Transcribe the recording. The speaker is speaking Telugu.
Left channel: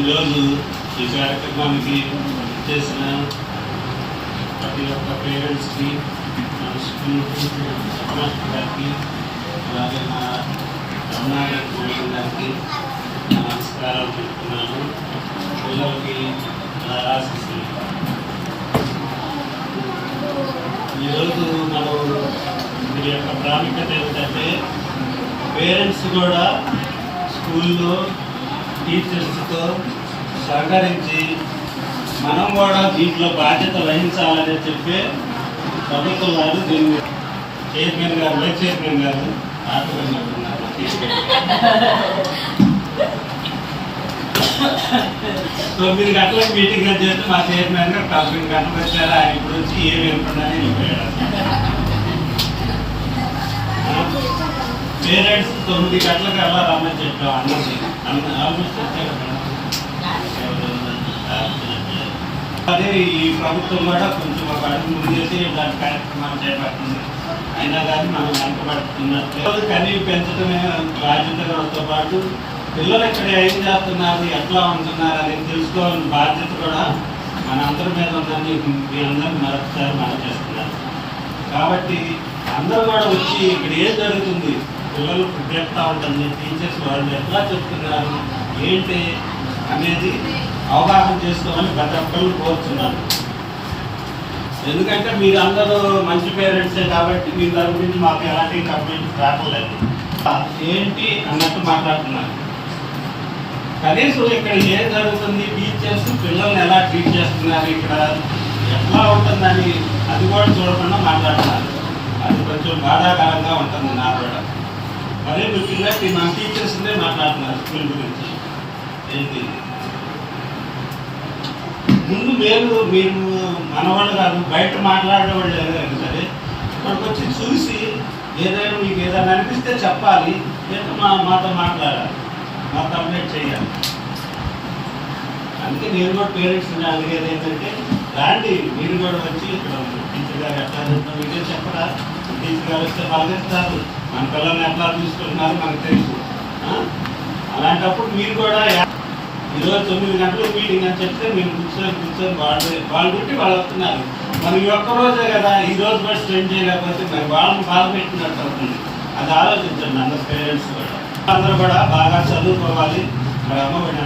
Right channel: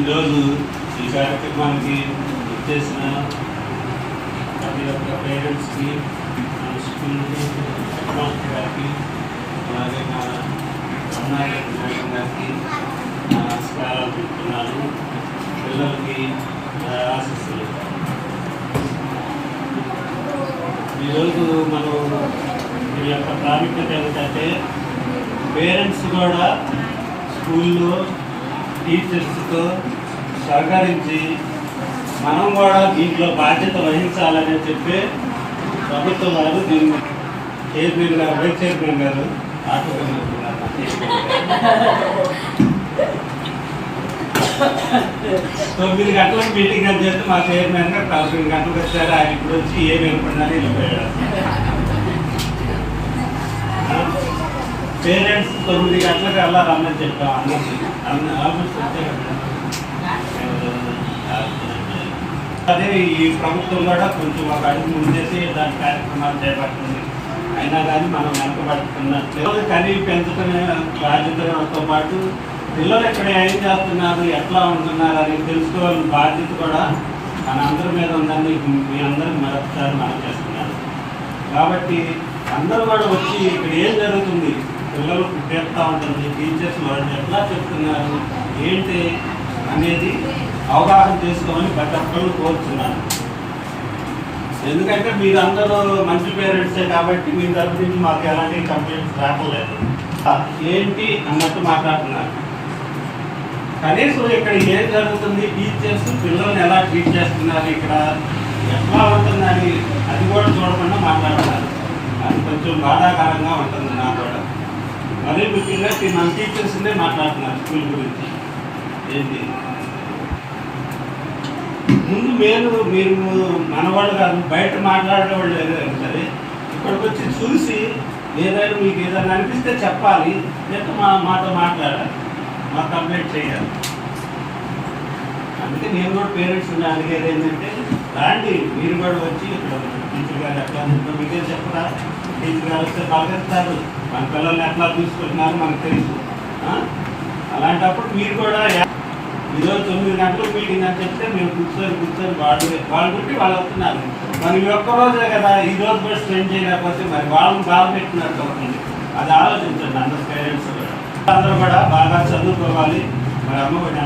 ఈరోజు ఈ కార్యక్రమానికి చేసిన ప్రతి ఒక్క పేరెంట్స్కి, స్కూల్ మాస్టర్ గారికి, అలాగే మా అమ్మాయి గారికి నమస్కారాలు చెప్తున్నాను. పిల్లలకి ఆశిస్తులు. ఈరోజు మనం దీని యొక్క ప్రాముఖ్యత ఏమిటంటే పేరెంట్స్ కూడా స్కూల్లో టీచర్స్తో సహకరించి మనం కూడా దీంట్లో బాధ్యత వహించాలని చెప్పి ప్రభుత్వం వారు దీన్ని చైర్మన్ గారు, వైస్ చైర్మన్ గారు ఆటోన్నారు. 9 గంటలకు మీటింగ్ అని చెప్తే మా చైర్మన్ గారు 9 గంటలకు వచ్చారు. ఆయన ఇప్పుడు వచ్చి ఏమి వెళ్ళిపోయినారు వెళ్ళిపోయాడు. పేరెంట్స్ 9 గంటలకు వెళ్ళాలన్నది చెప్పాం. ఆల్మోస్ట్ అదే ఈ ప్రభుత్వం కూడా కొంచెం ఒక అడుగు ముందేసి దాని కార్యక్రమాలు చేపడుతుంది. అయినా కానీ మనం వెనకబడుతున్నట్లేదు. కానీ పెంచడమే బాధ్యతతో పాటు పిల్లలు ఇక్కడ ఏం చేస్తున్నారు, ఎట్లా ఉంటున్నారు అని తెలుసుకోవాలని బాధ్యత కూడా మన అందరి మీద ఉందని మీ అందరికీ మరొకసారి మనం చేస్తున్నాను. కాబట్టి అందరూ కూడా వచ్చి ఇక్కడ ఏం జరుగుతుంది, పిల్లలు చెప్తా ఉంటుంది, టీచర్స్ వాళ్ళు ఎట్లా చెప్తున్నారు ఏంటి అనేది అవగాహన చేసుకోమని ప్రతి ఒక్కరు కోరుతున్నాను. ఎందుకంటే మీరు అందరూ మంచి పేరెంట్సే కాబట్టి మీ తరపు నుంచి మాకు ఎలాంటి కంప్లైంట్స్ రావట్లేదు. ఏంటి అన్నట్టు మాట్లాడుతున్నారు. కనీసం ఇక్కడ ఏం జరుగుతుంది, టీచర్స్ పిల్లల్ని ఎలా ట్రీట్ చేస్తున్నారు, ఇక్కడ ఎట్లా ఉంటుందని అది కూడా చూడకుండా మాట్లాడుతున్నారు. అది కొంచెం బాధాకరంగా ఉంటుంది నాకు కూడా. అదే ముఖ్యంగా మన టీచర్స్నే మాట్లాడుతున్నారు స్కూల్ గురించి. ఏంటి ముందు మీరు మనవాళ్ళు కాదు, బయట మాట్లాడేవాళ్ళు ఏదైనా సరే ఇక్కడికి వచ్చి చూసి ఏదైనా మీకు ఏదైనా అనిపిస్తే చెప్పాలి, లేదా మాతో మాట్లాడాలి, మా కంప్లైంట్ చేయాలి. అందుకే నేను కూడా పేరెంట్స్ అడిగేది ఏంటంటే రాండి, మీరు కూడా వచ్చి ఇక్కడ టీచర్ గారు ఎట్లా చెప్తారు మీకేం చెప్పరా, టీచర్ గారు వస్తే పలకరిస్తారు, మన పిల్లల్ని ఎట్లా చూసుకుంటున్నారు మనకు తెలుసు. అలాంటప్పుడు మీరు కూడా ఈరోజు 9 గంటలకు మీటింగ్ అని చెప్తే మేము కూర్చొని వాళ్ళు పెట్టి వాళ్ళు వస్తున్నారు. మరి ఈ ఒక్కరోజే కదా, ఈ రోజు కూడా స్పెండ్ చేయలేకపోతే మరి వాళ్ళని బాగా పెట్టినట్టు అవుతుంది. అది ఆలోచించండి అందరు పేరెంట్స్ కూడా. అందరూ కూడా బాగా చదువుకోవాలి. మరి అమ్మ కూడా